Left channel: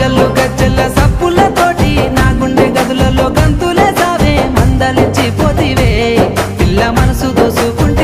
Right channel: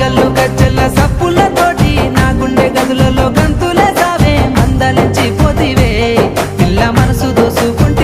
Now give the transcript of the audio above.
గల్లు గజ్జల్ల సప్పులతోటి నా గుండె గదులలో గంతులే సావే మందలించి పోతివే పిల్ల మనసు దోసుకుంటే